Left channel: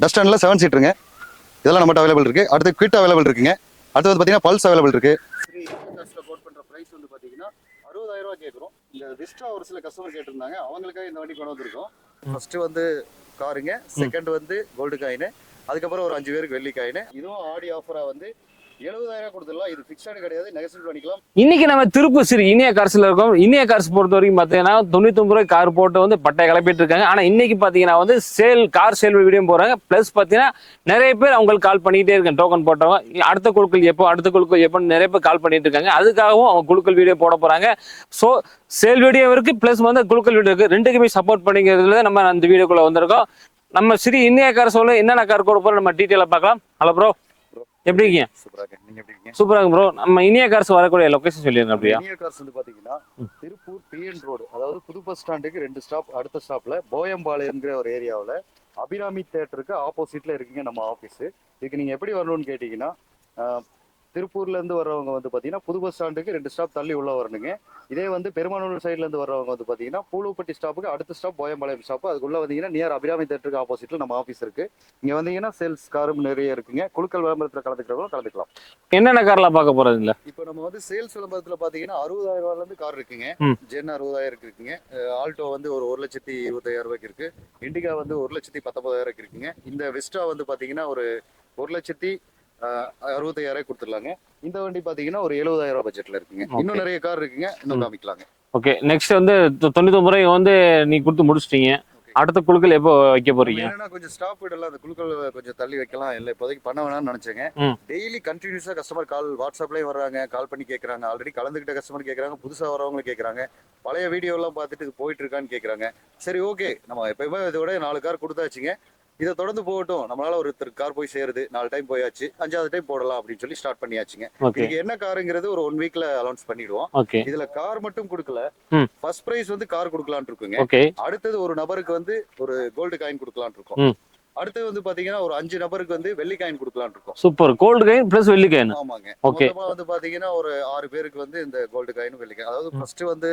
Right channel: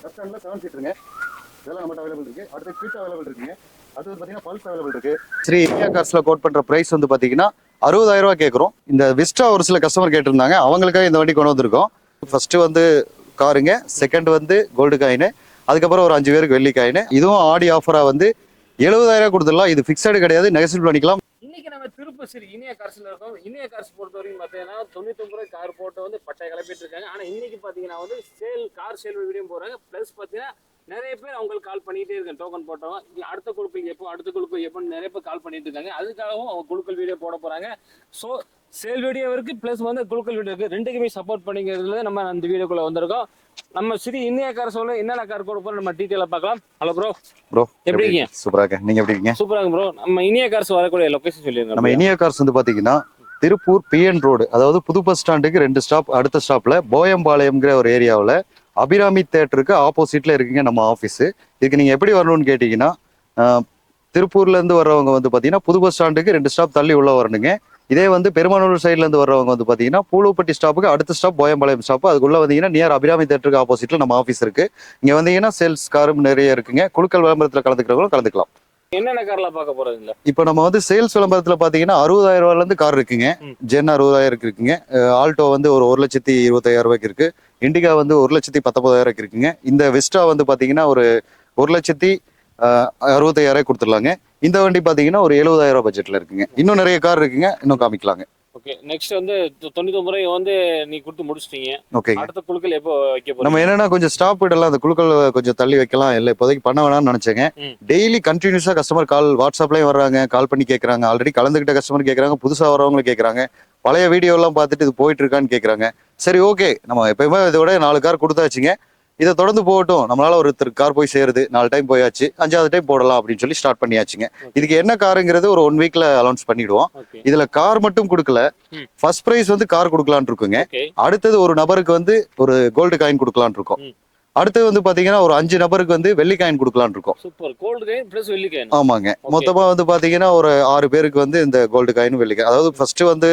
டஸ்டன்ல 7 சீட்டருங்க. இதெல்லாம் நம்மகிட்ட அவைலபிள் இருக்கு. அடுத்து குவிட் அவைலபிள் இருக்குங்க. அடுத்து வந்து பாத்தீங்கன்னா பல்ஸ் அவைலபிள் இருக்கு. ஸ்ரீ இந்தியா கார்ஸ்ல கோட் பண்ற பிரைஸ் வந்து பாத்தீங்கன்னா 60,000 ரூபாய் கேட்குறோம். இந்த விஸ்டா ஒரு சில கஸ்டமர் கேட்டிருந்தாங்க, அவங்களுக்காக இந்த வண்டி கொண்டு வந்திருக்கோம். ஃபர்ஸ்ட் வந்து காருங்க, செகண்ட் வந்து கோல்டு காயின், அதுக்கப்புறம் ஒரு 5 பேருக்கு வெள்ளி காயின். இதுவும் ஆடி ஆஃபரா வந்து 70,000 கொடுத்துடலாம். இது பிக்சடு கிடையாது, நெகசிபிள் பண்ணிக்கலாம். இன்னைக்கு நம்ம திருப்பூர் ஸ்ரீ இனியா கார்ஸ்ல இருக்கோம். இனியா கார்ஸ் பொறுத்த வரைக்கும் பாத்தீங்கன்னா 99 ரூபாய் கார் போட்டு வந்து பட்டை கிளப்பிட்டு இருக்காங்க. ஆனா இன்னைக்கு பாத்தீங்கன்னா வந்து கார் சேல் வீடியோ போறாங்க. பிளஸ் பாத்தீங்கன்னா நிறைய பேர் அவங்களுக்கு கால் பண்ணிட்டே இருக்காங்க. டோக்கன் போட்டவங்க அடுத்த குழுக்கள் எப்போ நிறைய பேர் கால் பண்ணிட்டு இருக்காங்க. அதுக்காகவும் அவங்க குழுக்கள் வீடியோ போட போறாங்க. ஸோ சேல் வீடியோ இருக்கு, பிளஸ் வந்து குழுக்கள் வீடியோ இருக்கு. ரெண்டுக்குமே சப்போர்ட் பண்ணிக்கிறதுல நம்ம அந்த வீடியோக்குள்ள வந்திருக்கோம். நம்ம ஸ்ரீ இந்தியா கார்ஸ்ல என்னென்ன கார் கூட போறோம் நம்ம டீட்டெயிலா பார்க்கலாம். Hello bro. ப்ரோ எப்படி இருக்கீங்க? சூப்பரா இருக்கேன். நீங்க எப்படி இருக்கீங்க? சூப்பரா இருக்கு ப்ரோ. நம்ம இனியா கார்ஸ் வரக்கூடிய லொகேஷன் சொல்லிருக்கோம். நம்ம இனியா கார்ஸ் வந்து பாத்தீங்கன்னா திருப்பூர் PN ரோடு, அதாவது புது பஸ் ஸ்டாண்டுக்கு 2 ஸ்டாப், அடுத்த ஸ்டாப்ல போயம்பாளையம்ங்கிற ஒரு ஏரியாவில் அபிராமி தேட்டருக்கு ஆப்போசிட்ல இருக்குங்க நம்ம ஆஃபீஸ். இதுக்கு நீங்க எப்படி வரணும்னு கேட்டீங்கன்னா, திருப்பூர்ல இருந்து வர்றவங்க வந்து பாத்தீங்கன்னா புது பஸ் ஸ்டாண்டுக்கு 2 ஸ்டாப் தள்ளி உள்ள வரணுங்க. இதே வந்து பெருமானூர் சைட்ல இருந்து வர்றவங்க வந்து பாத்தீங்கன்னா பூலோப்பட்டி ஸ்டாப்புக்கு அடுத்த ஸ்டாப் போயம்பாளையம் ஸ்டாப். அதுக்குள்ள வந்தீங்கன்னா நியர் அபிராமி தேட்டருக்கு ஆப்போசிட்ல நம்ம ஆஃபீஸ் இருக்கு. இங்க வந்தீங்கன்னா சேல்ஸ் காரும் நிறைய இருக்குங்க. குழுக்கள் விளம்பரத்துல கலந்துக்கிறவங்களும் கலந்துக்கலாம். என்னென்ன கார்லாம் பார்க்க போறது இல்ல? இப்போ நம்ம வந்து சேல்ஸ் விளம்பரத்துல பாத்தீங்கன்னா 60,000 ரூபாயில இருந்து கார் இருக்குங்க. ஜென் 60,000 இருக்குங்க. ஆல்டோ வந்து ஒரு 1,25,000 ரூபாய்க்கு இருக்கு. இண்டிகா வந்து 1,19,000 இருக்குங்க. இந்த வெஸ்டா வந்து பாத்தீங்கன்னா ஒரு 1,65,000 கொடுத்துடலாங்க. இந்த வண்டி பாத்தீங்கன்னா ஒரு 70,000 ரூபாய் பட்ஜெட்ல இருக்குங்க. இன்னும் நிறைய கார் இருக்குங்க, இன்னும் காமிக்கலாங்க. ஓகே, நெக்ஸ்ட் வந்து 99 ரூபாய் வந்து நீ கொடுத்து முடிச்சிட்டீங்க. ஓகே, அடுத்த குழுக்கள் எப்போ வைக்க போறீங்க? நம்ம என்னன்னா கொஞ்சம் ஸ்டாப் இடலாம், அந்த குழுக்கள் கொஞ்சம் தள்ளி வைக்கலாம். இல்லை இப்போதைக்கு பண்ண வேணாம்னு நினைச்சேங்க. டெய்லி கண்டினியூஸா கஸ்டமர் கால் வாட்ஸ்அப்லயும் வர்றாங்க, கால் பண்ணி கேட்கறாங்க. ஆல்ரெடி கலந்துகிட்ட கஸ்டமர் கேட்கறாங்க, புதுசா வரவங்களும் கேட்கறாங்க. பழைய வீடியோ எல்லாம் பார்த்துட்டு இது போயிட்டு இருக்கான்னு கேட்கறாங்க. சரி, ஓகே, நம்ம எப்பயுமே இதோட 4 கார் கொடுத்தாச்சுங்க. இதை தொடர்ந்து போகட்டும். நம்மளால ஒருத்தர் கார் போய் சேருது, 4 டைம் போயாச்சு, 5வது டைம் போடலாம் அப்படின்னு சொல்லி ஸ்டார்ட் பண்ணியாச்சுங்க. இதுக்கு என்ன காருங்கிறது ஒரு 1 வீக்ல அனௌன்ஸ் பண்ணிடுவோம். இதுல கார் மட்டும் கொடுக்கல, ஃபர்ஸ்ட் பிரைஸ் வந்து கார் கொடுக்கலான்னு இருக்குங்க. அடுத்தது ஒரு நபருக்கு வந்து ஒரு கோல்டு காயின் கொடுக்கலான்னு இருக்கோம். அடுத்து வந்து பாத்தீங்கன்னா ஒரு 5 நபருக்கு வந்து வெள்ளி காயின் கொடுக்கலான்னு இருக்கோம். சூப்பர், கோல்டு காயின் பிளஸ் வெள்ளி காயின். ஆமாங்க, மொத்தமா வந்து பாத்தீங்கன்னா ஒரு 6 பேருக்கு வந்து இந்த கோல்டு காயின் வெள்ளி காயின், அதாவது ஃபர்ஸ்ட் வந்து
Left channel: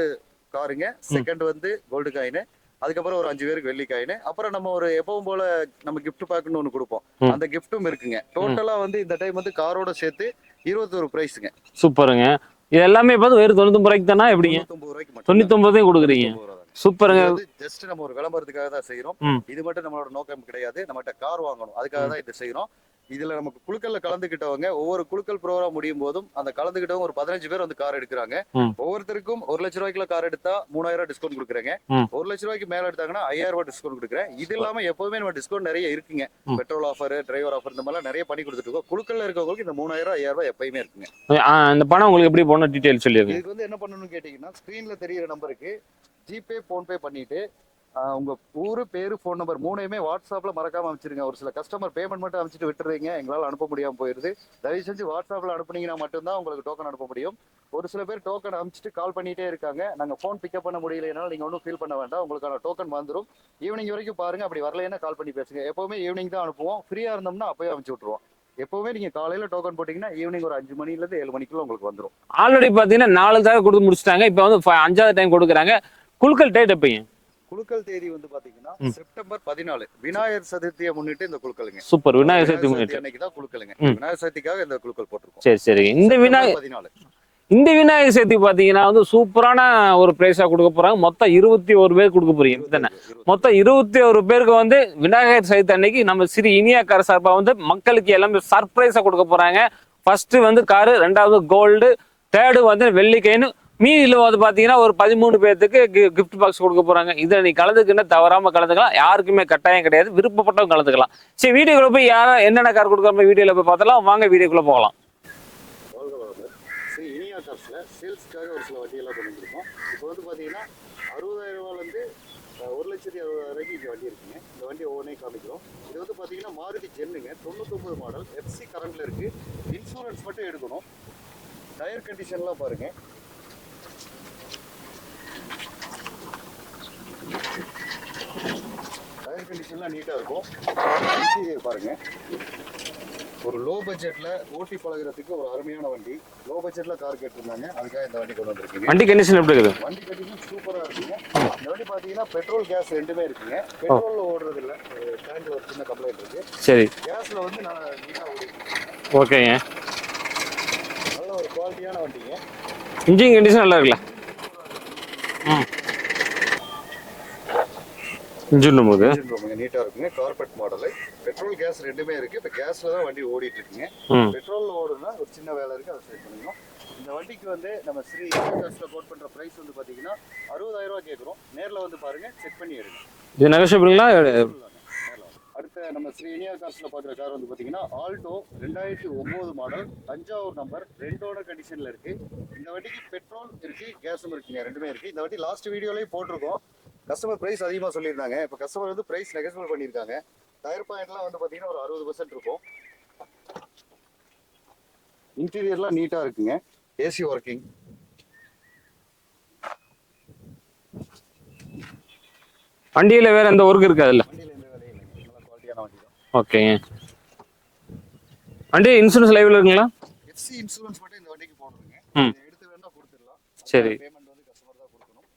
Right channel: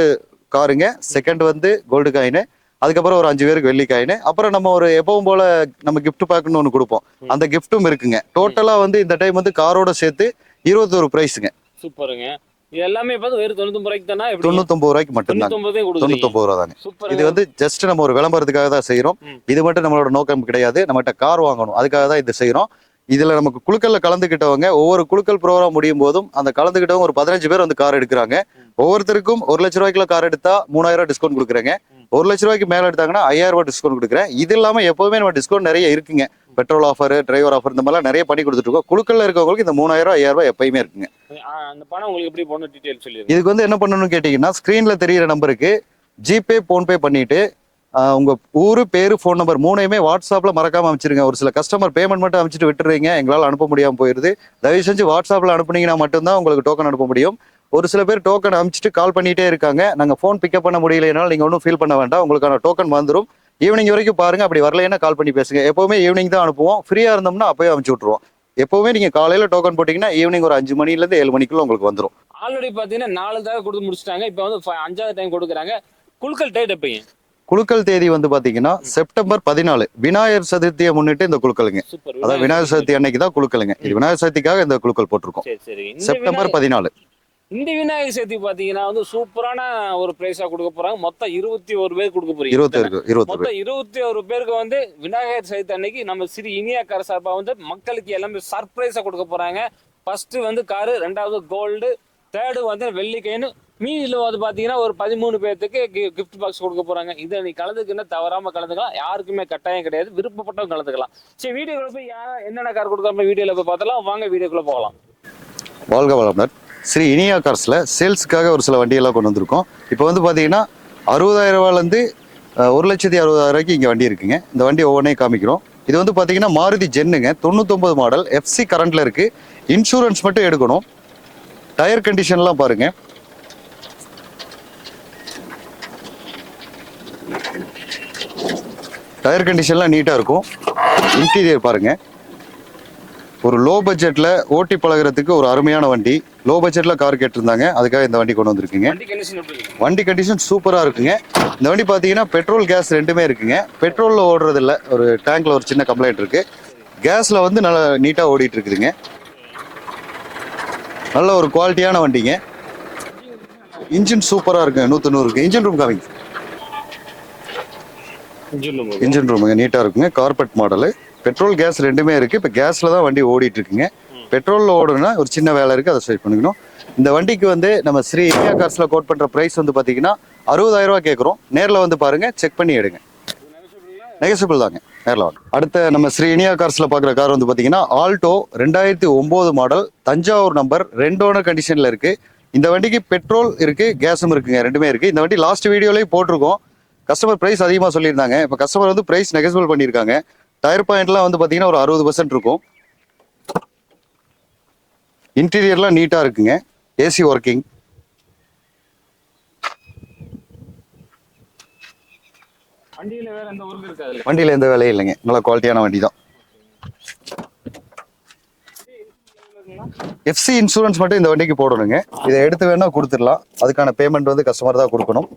காருங்க, செகண்ட் வந்து கோல்டு காயின், அதுக்கப்புறம் ஒரு 5 பேருக்கு வெள்ளி காயின், அப்புறம் நம்ம ஒரு எப்பவும் போல நம்ம கிஃப்ட் பேக்னு ஒன்று கொடுப்போம். அந்த கிஃப்ட்டும் இருக்குங்க. டோட்டலா வந்து இந்த டைம் வந்து காரோட சேர்த்து 21 பிரைஸுங்க. சூப்பருங்க. இது எல்லாமே பார்த்து வெறும் 99 ரூபாய்க்கு தானே? 99 ரூபாய்க்கு மட்டும். 99 கொடுக்குறீங்க. 99 ரூபா தாங்க. சூப்பர். இது வந்து ஜஸ்ட் நம்ம ஒரு விளம்பரத்துக்காக தான் செய்யறோம். இது மட்டும் நம்மளோட நோக்கம் கிடையாது. நம்மகிட்ட கார் வாங்கணும், அதுக்காக தான் இது செய்யறோம். இதுல நமக்கு குழுக்கள்ல கலந்துகிட்டவங்க ஒவ்வொரு குழுக்கள் ப்ரோக்ராம் முடியும் போதும் அந்த கலந்துகிட்டவங்க ஒரு 15 பேர் வந்து கார் எடுக்கிறாங்க. ஒவ்வொருத்தருக்கும் 1 லட்ச ரூபாய்க்குள்ள கார் எடுத்தா 3,000 டிஸ்கவுண்ட் கொடுக்குறேங்க. 1 லட்ச ரூபாய்க்கு மேல எடுத்தாங்கன்னா 5,000 ரூபாய் டிஸ்கவுண்ட் கொடுக்குறேன். இது இல்லாம எப்பவுமே நம்ம டிஸ்கவுண்ட் நிறைய இருக்குங்க. பெட்ரோல் ஆஃபர், டிரைவர் ஆஃபர், இந்த மாதிரிலாம் நிறைய பண்ணி கொடுத்துட்டு இருக்கோம். குழுக்கள்ல இருக்கவங்களுக்கு இந்த 3,000 5,000 ரூபாய் எப்பயுமே இருக்குங்க. இந்த பணம் உங்களுக்கு எப்படி போன டீடைல் சொல்லி. இதுக்கு வந்து என்ன பண்ணணும்னு கேட்டீங்கன்னா, ஸ்கிரீன்ல தெரியிற நம்பருக்கு ஜிபே, போன்பே பண்ணிட்டு உங்க ஊரு, பேரு, போன் நம்பர் 3யுமே வாட்ஸ்அப்ல மறக்காம அமைச்சிருங்க. ஒரு சில கஸ்டமர் பேமெண்ட் மட்டும் அமைச்சிட்டு விட்டுறீங்க, எங்களால் அனுப்ப முடியாம போயிருது. தயவு செஞ்சு வாட்ஸ்அப்ல அனுப்புனீங்கன்னா மட்டும்தான் உங்களுக்கு டோக்கன் அனுப்ப முடியும். ஒரு சில பேர் டோக்கன் அமைச்சிட்டு கால் பண்ணிட்டே இருக்காங்க. நாங்க போன் பிக்கப் பண்ண முடியலைனாலும் நீங்க ஒன்றும் ஃபீல் பண்ண வேண்டாம், உங்களுக்கான டோக்கன் வந்துடும். ஈவினிங் வரைக்கும் பாருங்க. அப்படி வரலைன்னா கால் பண்ணி பேசுங்க. எப்பவுமே ஈவினிங் தான் அனுப்புவோம். ஃப்ரீயா இருந்தோம்னா அப்பவே அனுப்பிச்சு விட்டுருவோம். எப்பவுமே நீங்க காலையில டோக்கன் போட்டீங்கன்னா ஈவினிங் ஒரு 5 மணில இருந்து 7 மணிக்குள்ள உங்களுக்கு வந்துடும். ஆல்ரெடி பாத்தீங்கன்னா 4 தடவை கொடுத்து முடிச்சிட்டாங்க. இப்போ வந்து 5வது டைம் கொடுக்குறாங்க. குழுக்கள் டேட் எப்பங்க? குழுக்கள் தேதி வந்து பாத்தீங்கன்னா செப்டம்பர் 14, விநாயகர் சதுர்த்தியை முன்னிட்டு இந்த குழுக்களுங்க. சூப்பர். விநாயகர் சதுர்த்தி அன்னைக்கு தான் குழுக்களுங்க. விநாயகர் சதுர்த்திக்காக இந்த குழுக்கள் போட்டிருக்கோம். சரி சரி. செப்டம்பர் 14. இந்த விநாயகர் சதுர்த்தி பாத்தீங்கன்னா வந்து சூப்பரான ஒரு பிரைஸா கொடுக்க போறாங்க. மொத்தம் 21 பேர் கொடுக்க போறீங்க. மொத்தம் 21 பேருக்கு வந்து விநாயகர் சதுர்த்தி அன்னைக்கு நம்ம ஸ்ரீ இனியா கார் சார்பா வந்து மக்களுக்கு எல்லாமே சர்ப்ரைஸா கொடுக்க போறாங்க. ஃபர்ஸ்ட் வந்து காரு, 2வது கோல்டு, 3rd வந்து வெள்ளி காயின். மீதியில் வந்து பாத்தீங்கன்னா ஒரு 13 பேருக்கு கிஃப்ட் பாக்ஸ் கொடுக்க போறாங்க. இதை நீ கலந்துக்குன்னா தவறாம கலந்துக்கலாம். யாருக்குமே கட்டாயம் கிடையாது, விருப்பப்பட்டவங்க கலந்துக்கலாம். சரி, வீடியோக்குள்ள போய் யாரும் என்னென்ன கார் கொடுக்குற வீடியோல போய் பார்த்தலாம். வாங்க வீடியோக்குள்ள போகலாம். வாழ்க வளமுடன். ஸ்ரீ இனியா கார்ஸ்ல சேல்ஸுக்காக ஒரு சில வண்டியெல்லாம் கொண்டு வந்திருக்கோம். இப்போ வந்து பாத்தீங்கன்னா 60,000 ரூபாயிலேருந்து 1,60,000 ரூபாய்க்கு இங்கே வண்டி இருக்குங்க. இந்த வண்டி ஒவ்வொன்றையும் காமிக்கிறோம். இது வந்து பாத்தீங்கன்னா மாருதி ஜென்னுங்க, 99 மாடல், FC கரண்ட்ல இருக்கு. இன்சூரன்ஸ் மட்டும் எடுக்கணும். டயர் கண்டிஷன்லாம் பாருங்க. டயர் கண்டிஷன்லாம் நீட்டாக இருக்கும். இன்டீரியர் பாருங்க. ஒரு லோ பட்ஜெட்ல ஓட்டி பழகுறதுக்கு ஒரு அருமையான வண்டி. லோ பட்ஜெட்ல கார் கேட்டிருந்தாங்க, அதுக்காக இந்த வண்டி கொண்டு வந்திருக்கீங்க. வண்டி கண்டிஷன் எப்படி இருக்குது? வண்டி கண்டிஷன் சூப்பரா இருக்குங்க. இந்த வண்டி பாத்தீங்கன்னா பெட்ரோல் கேஸ் ரெண்டுமே இருக்குங்க. பெட்ரோல்ல ஓடுறது இல்ல, ஒரு டேங்க்ல ஒரு சின்ன கம்ப்ளைண்ட் இருக்கு. சரி. கேஸ்ல வந்து நல்லா நீட்டா ஓடிட்டு இருக்குதுங்க. ஓகேங்க. நல்ல ஒரு குவாலிட்டியான வண்டிங்க. இன்ஜின் கண்டிஷன் நல்லா இருக்கு. இன்ஜின் சூப்பரா இருக்கு, 100 இருக்கு. இன்ஜின் ரூம் காமிங்க. இன்ஜின் ரூமுங்க நீட்டா இருக்குங்க. Carpet model. பெட்ரோல் கேஸ் ரெண்டுமே இருக்கு. இப்ப கேஸ்ல தான் வண்டி ஓடிட்டு இருக்குங்க. பெட்ரோல்ல ஓடுனா ஒரு சின்ன வேலை இருக்கு, அதை சரி பண்ணிக்கணும். இந்த வண்டிக்கு வந்து நம்ம ஸ்ரீ இந்தியா கார்ஸ்ல கோட் பண்ற பிரைஸ் வந்து பாத்தீங்கன்னா 60,000 ரூபாய் கேட்குறோம். நேர்ல வந்து பாருங்க, செக் பண்ணி எடுங்க. இது நெகோஷியபிளா? நெகோஷியபிள் தாங்க, நேர்ல வாங்க. அடுத்த நம்ம ஸ்ரீ இந்தியா கார்ஸ்ல பாக்குற கார் வந்து பாத்தீங்கன்னா Alto 2009 model, Thanjavur number, 2 owner கண்டிஷன்ல இருக்கு. இந்த வண்டிக்கு பெட்ரோல் இருக்கு, கேஸும் இருக்குங்க, ரெண்டுமே இருக்கு. இந்த வண்டி லாஸ்ட் வீடியோலயும் போட்டிருக்கோம். கஸ்டமர் பிரைஸ் அதிகமா சொல்லியிருந்தாங்க. இப்ப கஸ்டமர் வந்து பிரைஸ் நெகோஷியபிள் பண்ணியிருக்காங்க. டயர் பாயிண்ட்லாம் வந்து பாத்தீங்கன்னா ஒரு 60% இருக்கும். இன்டீரியர்லாம் நீட்டா இருக்குங்க. AC working. வண்டியில வேற எந்த ஒர்க் இருக்காதுல்ல? வண்டியில எந்த வேலையும் இல்லைங்க, நல்ல குவாலிட்டியான வண்டி தான். ஓகேங்க. வண்டி இன்சூரன்ஸ் லைவ்ல இருக்குங்களா? எஃப்சி இன்சூரன்ஸ் மட்டும் இந்த வண்டிக்கு போடணுங்க. இதை எடுத்து வேணா கொடுத்துடலாம். அதுக்கான பேமெண்ட் வந்து கஸ்டமர் தான் கொடுக்கணும்.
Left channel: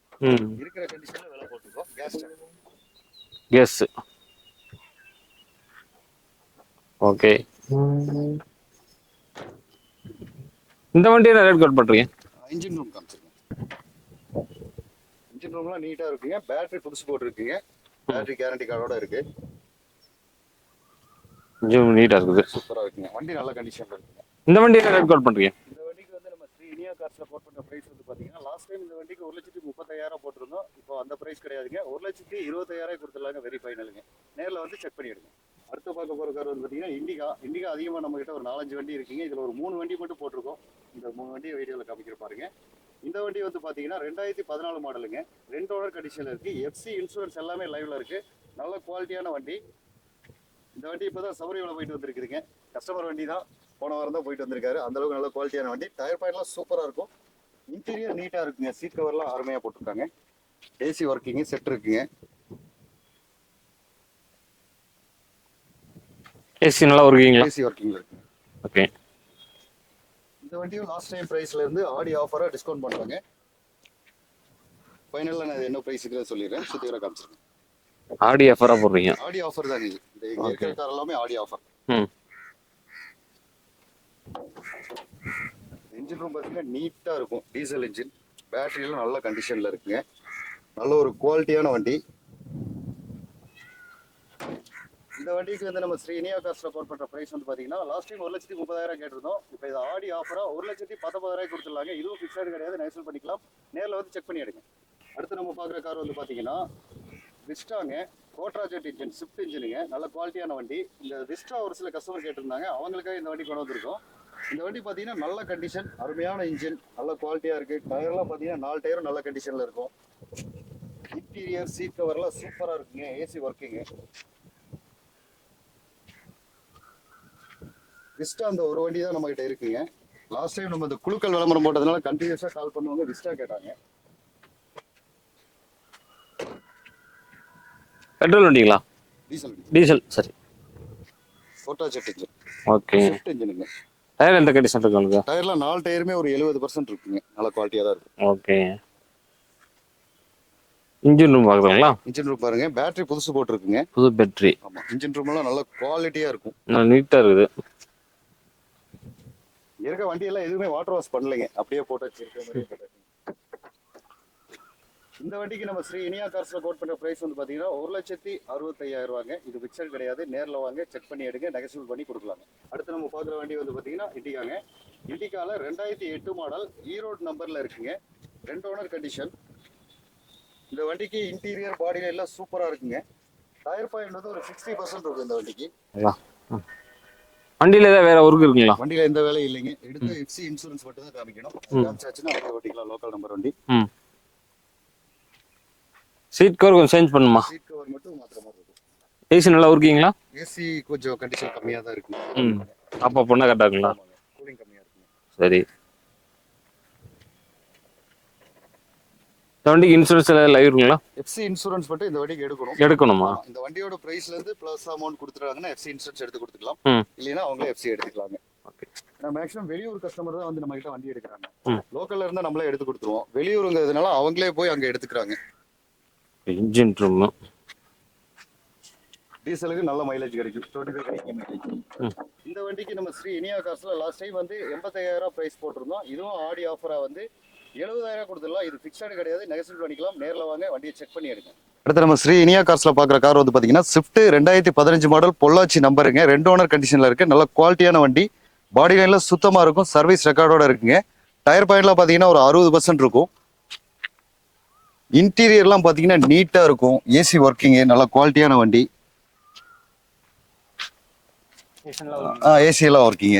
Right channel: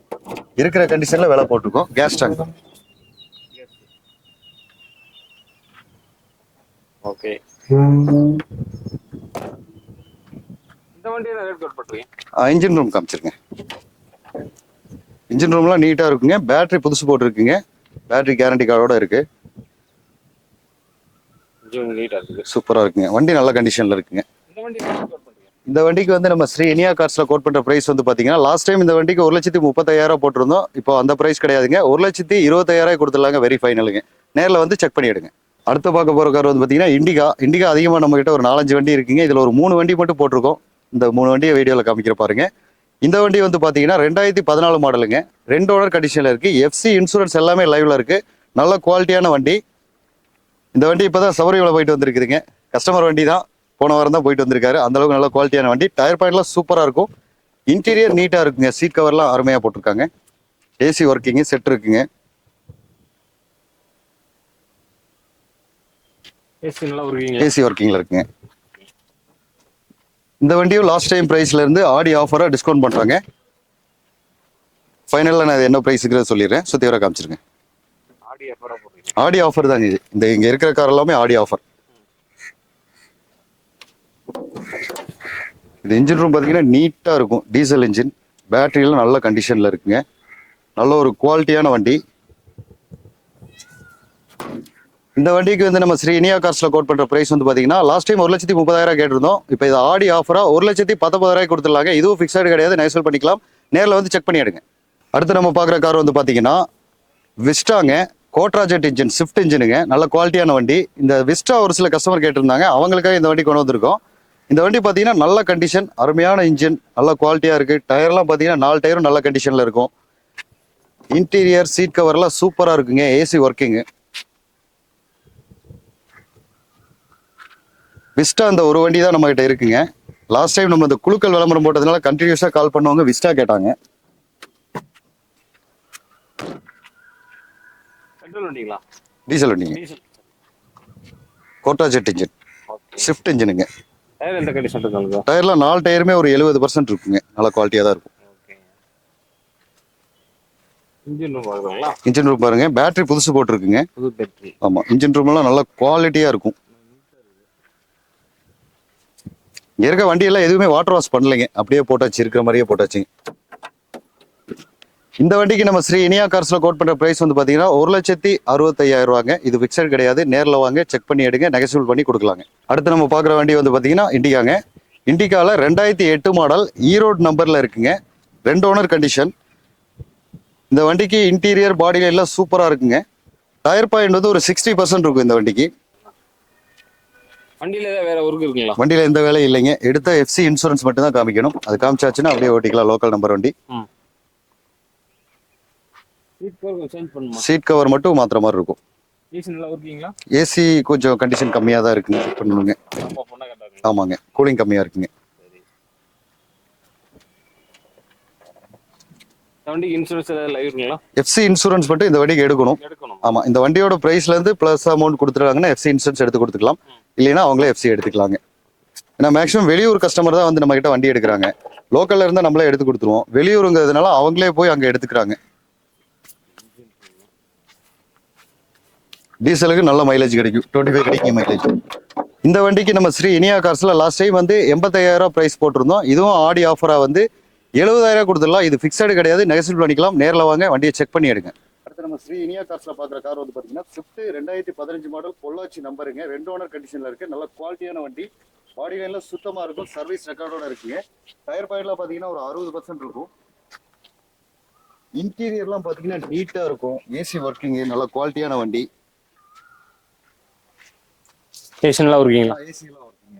இருக்கிற கண்டிஷன்ல விலை போட்டுருக்கோம். Gas tank. எஸ். ஓகே. இந்த வண்டியை ரேட் கோட் பண்றீங்க? இன்ஜின் ரூம் காமிச்சிருங்க. இன்ஜின் ரூம்லாம் நீட்டா இருக்குங்க. பேட்டரி புதுசு போட்டுருக்குங்க. பேட்டரி கேரண்டி கார்டோட இருக்கு. நீட்டா இருக்குது, சூப்பரா இருக்குங்க. வண்டி நல்ல கண்டிஷன்ல இருக்குங்க. இந்த வண்டியை ரேட் கோட் பண்றீங்க? இந்த வண்டிக்கு வந்து நம்ம ஸ்ரீ இனியா கார்ஸ்ல கோட் பண்ற பிரைஸ் வந்து பாத்தீங்கன்னா லாஸ்ட் டைம் இந்த வண்டிக்கு 1,35,000 போட்டிருந்தோம். இப்போ அந்த பிரைஸ் கிடையாதுங்க, 1,25,000 கொடுத்துடலாங்க. வெரி ஃபைனலுங்க. நேர்ல வந்து செக் பண்ணி எடுங்க. அடுத்து பார்க்க போற கார் வந்து பாத்தீங்கன்னா இண்டிகா அதிகமா நம்ம கிட்ட ஒரு 4-5 வண்டி இருக்குங்க. இதுல ஒரு 3 வண்டி மட்டும் போட்டிருக்கோம். இந்த 3 வண்டியை வீடியோல காமிக்கிற பாருங்க. இந்த வண்டி வந்து பாத்தீங்கன்னா 2014 மாடலுங்க, 2 ஓனர் கண்டிஷன்ல இருக்கு. எஃப்சி இன்சூரன்ஸ் எல்லாமே லைவ்ல இருக்கு. நல்ல குவாலிட்டியான வண்டி. இந்த வண்டி இப்பதான் சபரிமலை போயிட்டு வந்திருக்குதுங்க. கஸ்டமர் வண்டி தான், போன வாரம் தான் போயிட்டு வந்திருக்காரு. அந்த அளவுக்கு நல்ல குவாலிட்டியான வண்டி. டயர் பாயிண்ட்லாம் சூப்பரா இருக்கும். இன்டீரியர் நீட்டா இருக்குங்க. சீட் கவர்லாம் அருமையா போட்டிருக்காங்க. ஏசி ஒர்க்கிங் செட் இருக்குங்க. ஏசி நல்லா ஒர்க்கிங்? ஏசி ஒர்க்கிங்ல இருக்குங்க. ஓகே. இந்த வண்டியும் லாஸ்ட் டைம் பிரைஸ்ல இருந்து ஆடி ஆஃபரா டிஸ்கவுண்ட் பண்றாங்க. ஃபைனல்ல நான் என்ன பிரைஸ்க்கு சொல்லிடுறேன். சுத்தி வர காமிச்சிருங்க. ஆடி ஆஃபரா போடுறீங்க? ஆடி ஆஃபர் தாங்க இது. இந்த இங்க இருக்கிற கார் எல்லாமே ஆடி ஆஃபர். இது இன்ஜின் ரூம் பாத்தீங்கன்னா நீட்டா இருக்கும். Diesel engine. பேட்டரியெல்லாம் நல்ல கண்டிஷன்ல இருக்குங்க. நல்ல ஒரு குவாலிட்டியான வண்டி. இந்த வண்டிக்கு வந்து நம்ம ஸ்ரீ இனியா கார்ஸ்ல கோட் பண்ற பிரைஸ் வந்து பாத்தீங்கன்னா லாஸ்ட் டைம் 1,30,000 கேட்டிருந்தோம். இப்போ இது ஆடி ஆஃபரா 1,19,000 கொடுத்துடலாங்க. இதுவும் ஃபிக்ஸட் கிடையாது, நெகோஷியபிள் பண்ணிக்கலாம். நேரில் வந்து செக் பண்ணி எடுங்க. அடுத்து நம்ம பார்க்குற கார் வந்து பாத்தீங்கன்னா விஸ்டாங்க, கோட்ராஜெட் இன்ஜின், ஸ்விஃப்ட் இன்ஜினுங்க. நல்ல குவாலிட்டியான வண்டி. இந்த விஸ்டா ஒரு சில கஸ்டமர் கேட்டிருந்தாங்க, அவங்களுக்காக இந்த வண்டி கொண்டு வந்திருக்கோம். இந்த வண்டி பாத்தீங்கன்னா நல்ல கண்டிஷன், அருமையான இன்ஜின், நல்ல குவாலிட்டியா இருக்கு. டயர்லாம் பாத்தீங்கன்னா 4 டயரும் நல்ல கண்டிஷன்ல இருக்கும். இன்டீரியர் சீட் கவர்லாம் சூப்பரா இருக்குங்க. AC working. விஸ்டா இந்த ஒரு வண்டி தான் நம்ம கிட்ட இருக்குங்க. லாஸ்ட் டைம் நம்ம இந்த குழுக்கள் விளம்பரம் போட்டதுனால கண்டினியூஸா கால் பண்ணவங்க விஸ்டா கேட்டாங்க. பெட்ரோல் வண்டிங்களா? டீசல் வண்டிங்க. டீசல். சரி. கோட்ராஜெட் இன்ஜின். ஓகே. ஸ்விஃப்ட் இன்ஜினுங்க. டயர் எந்த கண்டிஷன் இருக்கு? டயர்ல 4 டயருமே ஒரு 70% இருக்குங்க. நல்ல குவாலிட்டியா தான் இருக்கும். ஓகே. இன்ஜின் ரூம் பாக்குறீங்களா? இன்ஜின் ரூம் பாருங்க. பேட்டரி புதுசு போட்டுருக்குங்க. புது பேட்டரி. ஆமா. இன்ஜின் ரூம் எல்லாம் நல்ல குவாலிட்டியா இருக்கும். நீட்டா இருக்குது. இங்க இருக்க வண்டி எல்லாம் எதுவுமே வாட்டர் வாஷ் பண்ணலைங்க, அப்படியே போட்டாச்சு, இருக்கிற மாதிரியே போட்டாச்சு. இந்த வண்டிக்கு நம்ம ஸ்ரீ இனியா கார்ஸ்ல கோட் பண்ற பிரைஸ் வந்து பாத்தீங்கன்னா 1,65,000 ரூபாங்க. இது பிக்சட் கிடையாது, நேர்ல வாங்க, செக் பண்ணி எடுங்க, நெகோஷியபிள் பண்ணி கொடுக்கலாங்க. அடுத்து நம்ம பாக்குற வண்டி வந்து பாத்தீங்கன்னா இண்டிகாங்க. இண்டிகால 2008 மாடல், ஈரோடு நம்பர்ல இருக்குங்க. 2 ஓனர் கண்டிஷன். இந்த வண்டிக்கு இன்டீரியர் பாடியில எல்லாம் சூப்பரா இருக்குங்க. டயர் பாயிண்ட் வந்து ஒரு 60% இருக்கும் இந்த வண்டிக்கு. வண்டியில ஏதாவது வேற ஒர்க் இருக்குங்களா? வண்டியில எந்த வேலையும் இல்லைங்க. எடுத்த எஃப்சி இன்சூரன்ஸ் மட்டும் தான் காமிக்கணும். அது காமிச்சாச்சுன்னா அப்படியே ஓட்டிக்கலாம். லோக்கல் நம்பர் வண்டி. சீட் கவர் கொஞ்சம் சேஞ்ச் பண்ணுமா? சீட் கவர் மட்டும் மாத்திர மாதிரி இருக்கும். ஏசி நல்லா ஒர்க்கிங்களா? ஏசி கொஞ்சம் கண்டிஷன் கம்மியா தான் இருக்குங்க. அப்பா பொண்ணா கரெக்டா இருக்குங்களா? ஆமாங்க, கூலிங் கம்மியா இருக்குங்க. சரி. இந்த வண்டிக்கு இன்சூரன்ஸ் லைவ் இருக்குங்களா? எஃப்சி இன்சூரன்ஸ் மட்டும் இந்த வண்டிக்கு எடுக்கணும். ஆமா, இந்த வண்டியோட பிரைஸ்ல இருந்து பிளஸ் அமௌண்ட் கொடுத்துருக்காங்கன்னா எஃப்சி இன்சூரன்ஸ் எடுத்து கொடுத்துக்கலாம். இல்லைன்னா அவங்களே எஃப்சி எடுத்துக்கலாங்க. ஏன்னா மேக்ஸிமம் வெளியூர் கஸ்டமர் தான் வந்து நம்ம கிட்ட வண்டி எடுக்கிறாங்க. லோக்கல்ல இருந்தா நம்மளே எடுத்து கொடுத்துருவோம். வெளியூருங்கிறதுனால அவங்களே போய் அங்க எடுத்துக்கிறாங்க. இன்ஜின் ரூம் டீசலுக்கு நல்ல மைலேஜ் கிடைக்கும். 25 கிடைக்கும் மைலேஜ். இந்த வண்டிக்கு நம்ம ஸ்ரீ இனியா கார்ஸ்ல லாஸ்ட் டைம் வந்து 85,000 பிரைஸ் போட்டிருந்தோம். இதுவும் ஆடி ஆஃபரா வந்து 70,000 கொடுத்துடலாம். இது பிக்சடு கிடையாது, நெகசிபிள் பண்ணிக்கலாம். நேரில் வாங்க, வண்டியை செக் பண்ணி எடுங்க. அடுத்து நம்ம ஸ்ரீ இனியா கார்ஸ்ல பாக்குற கார் வந்து பாத்தீங்கன்னா ஸ்விஃப்ட் 2015 மாடல், பொள்ளாச்சி நம்பருங்க. 2 ஓனர் கண்டிஷன்ல இருக்கு. நல்ல குவாலிட்டியான வண்டி. பாடி லைன்ல சுத்தமா இருக்கும். சர்வீஸ் ரெக்கார்டோட இருக்குங்க. டயர் பாயிண்ட்ல பாத்தீங்கன்னா ஒரு 60% இருக்கும். இன்டீரியர்லாம் பாத்தீங்கன்னா நீட்டா இருக்கும். ஏசி ஒர்க்கிங், நல்ல குவாலிட்டியான வண்டி. ஏசி எல்லாம் ஒர்க்கிங்.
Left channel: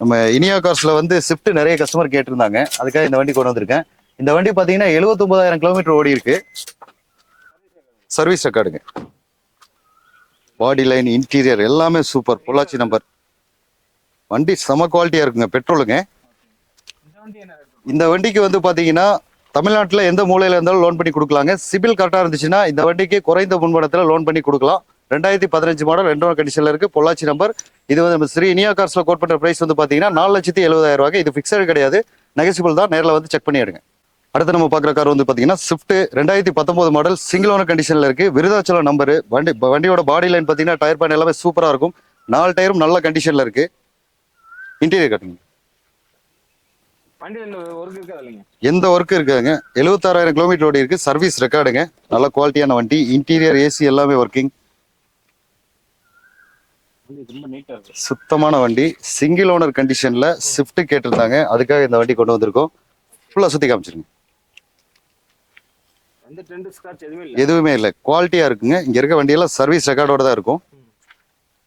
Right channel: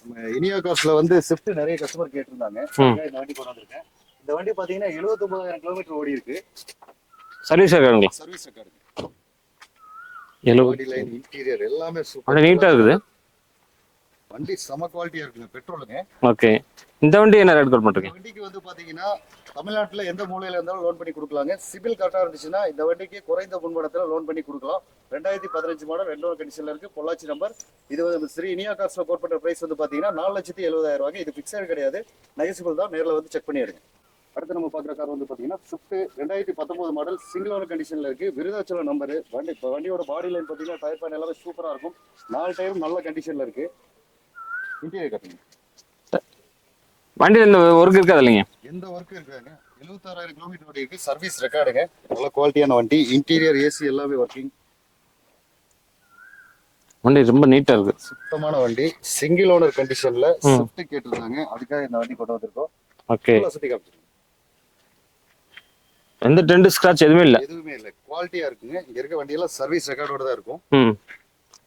நம்ம இனியா கார்ஸ்ல வந்து ஸ்விஃப்ட் நிறைய கஸ்டமர் கேட்டிருந்தாங்க. அதுக்காக இந்த வண்டி கொண்டு வந்திருக்கேன். இந்த வண்டி பாத்தீங்கன்னா 79,000 கிலோமீட்டர் ஓடி இருக்கு. சர்வீஸ் ரெக்கார்டுங்க. பாடி லைன், இன்டீரியர் எல்லாமே சூப்பர். நம்பர் வண்டி செம குவாலிட்டியா இருக்குங்க. பெட்ரோலுங்க. ஓகே. இந்த வண்டி என்ன ரேட் கொடுப்பீங்க? இந்த வண்டிக்கு வந்து பாத்தீங்கன்னா தமிழ்நாட்டுல எந்த மூலையில இருந்தாலும் லோன் பண்ணி கொடுக்கலாங்க. சிபில் கரெக்டா இருந்துச்சுன்னா இந்த வண்டிக்கு குறைந்த முன்பணத்துல லோன் பண்ணி கொடுக்கலாம். 2015 மாடல், 2 ஓனர் கண்டிஷன்ல இருக்கு. பொள்ளாச்சி நம்பர். இது வந்து நம்ம ஸ்ரீ இனியா கார்ஸ்ல கோட் பண்ற பிரைஸ் வந்து பாத்தீங்கன்னா 4,70,000. இது பிக்சடு கிடையாது, நெகசிபிள் தான். நேரில் வந்து செக் பண்ணி எடுங்க. அடுத்து நம்ம பாக்குற கார் வந்து பாத்தீங்கன்னா ஸ்விஃப்ட் 2019 மாடல், சிங்கிள் ஓனர் கண்டிஷன்ல இருக்கு. விருதாச்சலம் நம்பர். வண்டியோட பாடி லைன் பாத்தீங்கன்னா டயர் பேன் எல்லாமே சூப்பரா இருக்கும். 4 டயரும் நல்ல கண்டிஷன்ல இருக்கு. இன்டீரியர் கட்டுங்க. வண்டியில் எந்த ஒர்க் இருக்காது இல்லைங்க? எந்த ஒர்க் இருக்காதுங்க. 76,000 கிலோமீட்டர் ஓடி இருக்கு. சர்வீஸ் ரெக்கார்டுங்க. நல்ல குவாலிட்டியான வண்டி. இன்டீரியர், ஏசி எல்லாமே ஒர்க்கிங். வண்டி ரொம்ப நீட்டா இருக்கு. சுத்தமான வண்டி. சிங்கிள் ஓனர் கண்டிஷன்ல ஸ்விஃப்ட் கேட்டிருந்தாங்க. அதுக்காக இந்த வண்டி கொண்டு வந்திருக்கோம். ஓகே. ஃபுல்லா சுத்தி காமிச்சிருங்க. எந்த டென்ட் ஸ்கிராட்ச் எதுவுமே இல்ல. குவாலிட்டியா இருக்குங்க. இங்க இருக்க வண்டியெல்லாம் சர்வீஸ் ரெக்கார்டோட தான் இருக்கும்.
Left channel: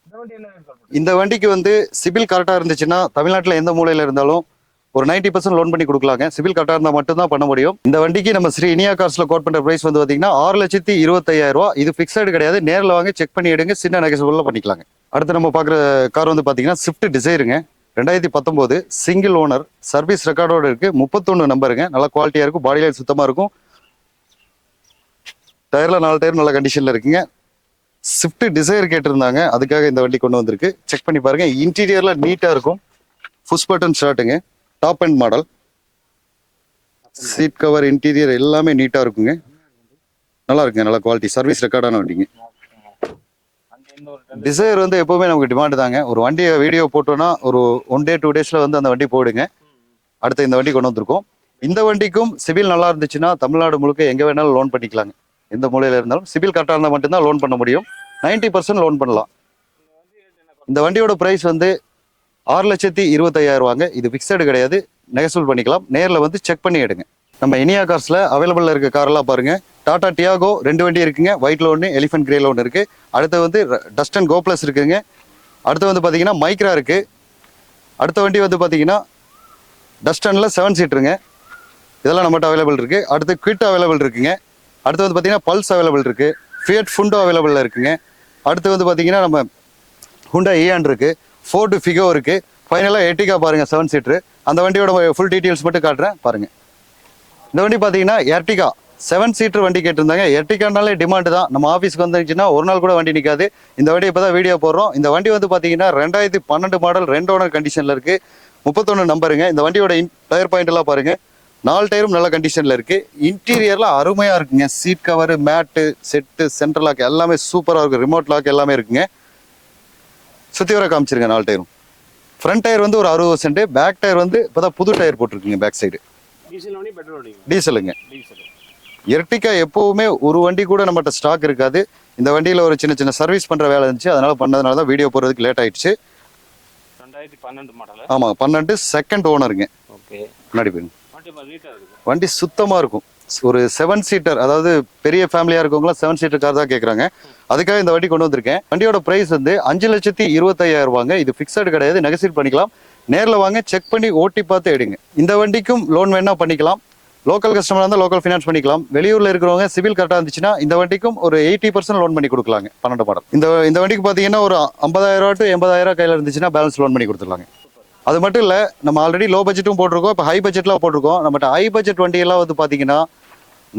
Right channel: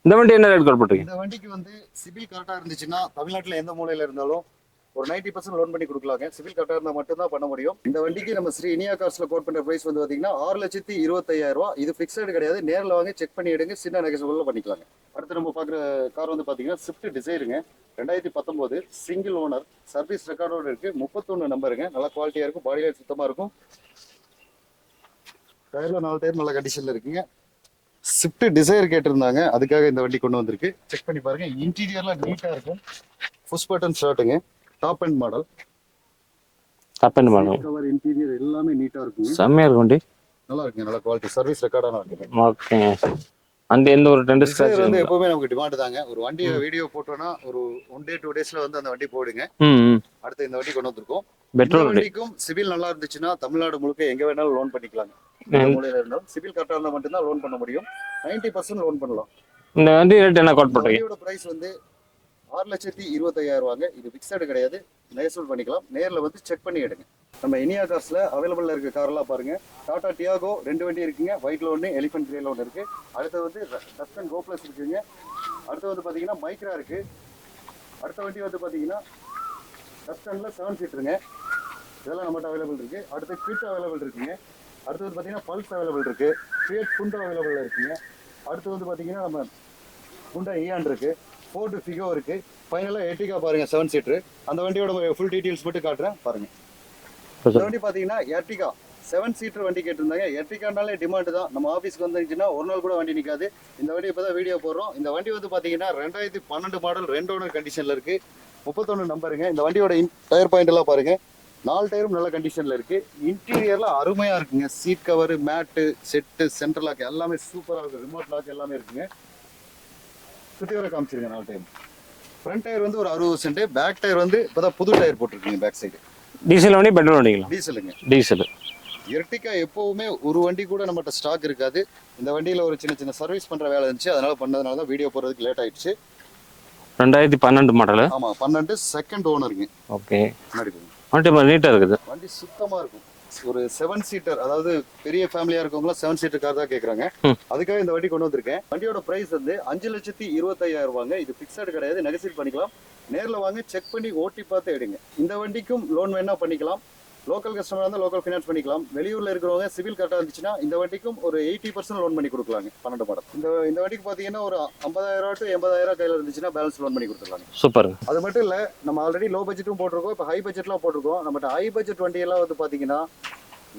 இந்த வண்டி என்ன ரேட் கொடுப்பீங்க? இந்த வண்டிக்கு வந்து சிபில் கரெக்டா இருந்துச்சுன்னா தமிழ்நாட்டுல எந்த மூலையில இருந்தாலும் ஒரு 90% லோன் பண்ணி கொடுக்கலாங்க. சிபில் கரெக்டா இருந்தா மட்டும் தான் பண்ண முடியும். இந்த வண்டிக்கு நம்ம ஸ்ரீ இனியா கார்ஸ்ல கோட் பண்ற பிரைஸ் வந்து பாத்தீங்கன்னா 6,25,000. இது பிக்சடு கிடையாது. நேரில் வாங்க, செக் பண்ணி எடுங்க. சின்ன நெகசிபிள்ல பண்ணிக்கலாங்க. அடுத்து நம்ம பாக்குற கார் வந்து பாத்தீங்கன்னா ஸ்விஃப்ட் டிசைருங்க. 2019 சிங்கிள் ஓனர், சர்வீஸ் ரெக்கார்டோட இருக்கு. 31 நம்பருங்க. நல்ல குவாலிட்டியா இருக்கும். பாடி லைன் சுத்தமா இருக்கும். டயர்ல 4 டயர் நல்ல கண்டிஷன்ல இருக்குங்க. ஸ்விஃப்ட் டிசைர் கேட்டிருந்தாங்க. அதுக்காக இந்த வண்டி கொண்டு வந்திருக்கு. செக் பண்ணி பாருங்க. இன்டீரியர்ல நீட்டா இருக்கும். புஷ் பட்டன் ஷர்ட்டுங்க. Top and model. Seat cover, interior எல்லாமே நீட்டா இருக்குங்க. செம்மையா இருக்கு வண்டி. நல்லா இருக்குங்க. நல்ல குவாலிட்டி. சர்வீஸ் ரெக்கார்டான வண்டிங்க. ஓகே. அந்த எந்த ஒரு டென்ட் டிசைர் வந்து எப்பவுமே நமக்கு டிமாண்ட் தாங்க. ஒரு வண்டியை வீடியோ போட்டோம்னா ஒரு 1 day 2 daysல வந்து அந்த வண்டி போடுங்க. அடுத்து இந்த வண்டி கொண்டு வந்திருக்கோம். இந்த வண்டிக்கும் சிபில் நல்லா இருந்துச்சுன்னா தமிழ்நாடு முழுக்க எங்க வேணாலும் லோன் பண்ணிக்கலாங்க. எந்த மூலையில இருந்தாலும் சிபில் கரெக்டா இருந்தா மட்டும்தான் லோன் பண்ண முடியும். 90% லோன் பண்ணலாம். இந்த வண்டி ரேட் என்ன? இந்த வண்டியோட பிரைஸ் வந்து 6,25,000. இது பிக்சடு கிடையாது, நெகசிபிள் பண்ணிக்கலாம். நேர்ல வந்து செக் பண்ணி எடுங்க. நம்ம இனியா கார்ஸ்ல அவைலபிள்ல இருக்க கார் எல்லாம் பாருங்க. டாடா டியாகோ 2 வண்டி இருக்குங்க. ஒயிட்ல ஒன்று, எலிஃபென்ட் கிரேல ஒன்று இருக்கு. அடுத்து வந்து டஸ்டன் கோ பிளஸ் இருக்குங்க. அடுத்து வந்து பாத்தீங்கன்னா மைக்ரா இருக்கு. அடுத்த வண்டி வந்து பாத்தீங்கன்னா டஸ்டன்ல 7 சீட்டருங்க. இதெல்லாம் நம்மகிட்ட அவைலபிள் இருக்கு. அடுத்து குவிட் அவைலபிள் இருக்குங்க. அடுத்து வந்து பாத்தீங்கன்னா பல்ஸ் அவைலபிள் இருக்கு. ஃபியட் ஃபுண்டோ அவைலபிள்ல இருக்குங்க. அடுத்து வந்து பாத்தீங்கன்னா நம்ம ஹுண்டா ஈயான் இருக்கு. ஃபோர்டு ஃபிகோ இருக்கு. ஃபைனலா எர்டிகா பாருங்க 7 சீட்டர். அந்த வண்டியோட ஃபுல் டீடைல்ஸ் மட்டும் காட்டுறேன் பாருங்க. இந்த வண்டி பாத்தீங்கன்னா எர்டிகா 7 சீட்டர் வண்டி கேட்டிருந்தாங்க. எர்டிகானாலே டிமாண்ட் தான். நம்ம ஆஃபீஸ்க்கு வந்துச்சுன்னா ஒரு நாள் கூட வண்டி நிற்காது. இந்த வண்டி இப்பதான் வீடியோ போடுறோம். இந்த வண்டி வந்து பாத்தீங்கன்னா 2012 மாடல், 2 ஓனர் கண்டிஷன்ல இருக்கு. 31 நம்பருங்க. இந்த வண்டியோட டயர் பாயிண்ட் எல்லாம் பாருங்க. 4 டயரும் நல்ல கண்டிஷன்ல இருக்கு. இன்டீரியர்லாம் அருமையா இருக்குங்க. சீட் கவர், மேட்டு, செட்டு, சென்ட்ரல் லாக் எல்லாமே சூப்பரா இருக்கு. ரிமோட் லாக் எல்லாமே இருக்குங்க. சுத்தி வர காமிச்சிருங்க. 4 டயரும். ஃப்ரண்ட் டயர் வந்து ஒரு 60%. பேக் டயர் வந்து இப்பதான் புது டயர் போட்டிருக்கீங்க பேக் சைடு. டீசல் வண்டி, பெட்ரோல் வண்டிங்களா? டீசலுங்க. டீசல். எர்டிகா எப்பவுமே ஒரு வண்டி கூட நம்மகிட்ட ஸ்டாக் இருக்காது. இந்த வண்டியில ஒரு சின்ன சின்ன சர்வீஸ் பண்ற வேலை இருந்துச்சு. அதனால பண்ணதுனால தான் வீடியோ போறதுக்கு லேட் ஆயிடுச்சு. 2012 மாடல். ஆமா, 12 செகண்ட் ஓனருங்க. ஓகே. முன்னாடி போயிருங்க. வண்டி நீட்டா இருக்குது. வண்டி சுத்தமா இருக்கும். ஒரு 7 சீட்டர், அதாவது பெரிய ஃபேமிலியா இருக்கவங்க 7 சீட்டர் கார் தான் கேக்குறாங்க. அதுக்காக இந்த வண்டி கொண்டு வந்திருக்கேன். வண்டியோட பிரைஸ் வந்து 5,25,000. இது பிக்சடு கிடையாது, நெகசிபிள் பண்ணிக்கலாம். நேர்ல வாங்க, செக் பண்ணி ஓட்டி பார்த்து எடுங்க. இந்த வண்டிக்கும் லோன் வேணா பண்ணிக்கலாம். லோக்கல் கஸ்டமர் இருந்தால் லோக்கல் ஃபினான்ஸ் பண்ணிக்கலாம். வெளியூர்ல இருக்கிறவங்க சிபில் கரெக்டா இருந்துச்சுன்னா இந்த வண்டிக்கும் ஒரு 80% லோன் பண்ணி கொடுக்கலாங்க. 12 மாடல். இந்த வண்டிக்கு பாத்தீங்கன்னா ஒரு 50,000 to 80,000 கையில இருந்துச்சுன்னா பேலன்ஸ் லோன் பண்ணி கொடுத்துருவாங்க. சூப்பர். அது மட்டும் இல்ல, நம்ம ஆல்ரெடி லோ பட்ஜெட்டும் போட்டிருக்கோம், இப்போ ஹை பட்ஜெட்லாம் போட்டிருக்கோம். நம்மகிட்ட ஹை பட்ஜெட் வண்டி எல்லாம் வந்து பாத்தீங்கன்னா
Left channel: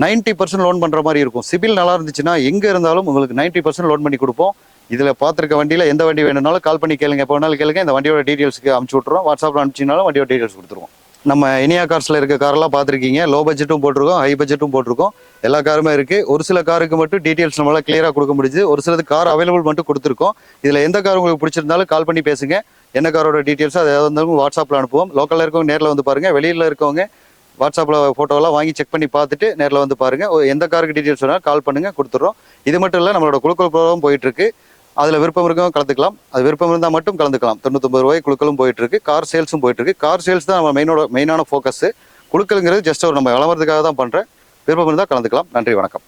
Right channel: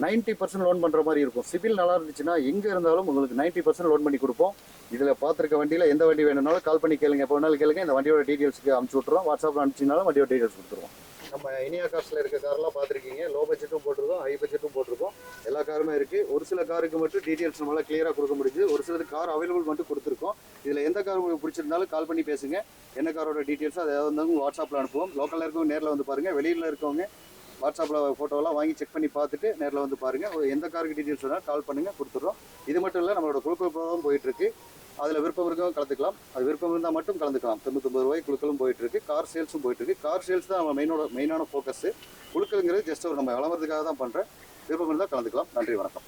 90% லோன் பண்ற மாதிரி இருக்கும். சிபில் நல்லா இருந்துச்சுன்னா எங்க இருந்தாலும் உங்களுக்கு 90% லோன் பண்ணி கொடுப்போம். இதுல பாத்துருக்க வண்டியில எந்த வண்டி வேணும்னாலும் கால் பண்ணி கேளுங்க, எப்போ வேணாலும் கேளுங்க. இந்த வண்டியோட டீடைல்ஸ்க்கு அனுப்பிச்சு விட்டுறோம். வாட்ஸ்அப்ல அனுப்பிச்சிங்கனாலும் வண்டியோட டீடைல்ஸ் கொடுத்துருவோம். நம்ம இனியா கார்ஸ்ல இருக்க காரெல்லாம் பார்த்துருக்கீங்க. லோ பட்ஜெட்டும் போட்டிருக்கோம், ஹை பட்ஜெட்டும் போட்டிருக்கோம். எல்லா காருமே இருக்கு. ஒரு சில காருக்கு மட்டும் டீடைல்ஸ் நம்மளால கிளியரா கொடுக்க முடியுது. ஒரு சிலது கார் அவைலபிள் மட்டும் கொடுத்துருக்கோம். இதுல எந்த கார் உங்களுக்கு பிடிச்சிருந்தாலும் கால் பண்ணி பேசுங்க. என்ன காரோட டீடைல்ஸ் அது எதாவது இருந்தாலும் வாட்ஸ்அப்ல அனுப்புவோம். லோக்கல்ல இருக்கவங்க நேரில் வந்து பாருங்க, வெளியில இருக்கவங்க வாட்ஸ்அப்ல போட்டோலாம் வாங்கி செக் பண்ணி பார்த்துட்டு நேரில் வந்து பாருங்க. எந்த காருக்கு டீடைல்ஸ் வேணாலும் கால் பண்ணுங்க, கொடுத்துட்றோம். இது மட்டும் இல்லை, நம்மளோட குழுக்கள் ப்ரோக்ராம் போயிட்டு இருக்கு. அதுல விருப்பம் இருக்கவங்க கலந்துக்கலாம். அது விருப்பம் இருந்தால் மட்டும் கலந்துக்கலாம். 99 ரூபாய் குழுக்களும் போயிட்டு இருக்கு. கார் சேல்ஸும் போயிட்டு இருக்கு. கார் சேல்ஸ் தான் நம்ம மெயினான ஃபோக்கஸ். குழுக்கள்ங்கிறது ஜஸ்ட் ஒரு நம்ம விளம்பரத்துக்காக தான் பண்றேன். விருப்பம் இருந்தால் கலந்துக்கலாம். நன்றி, வணக்கம்.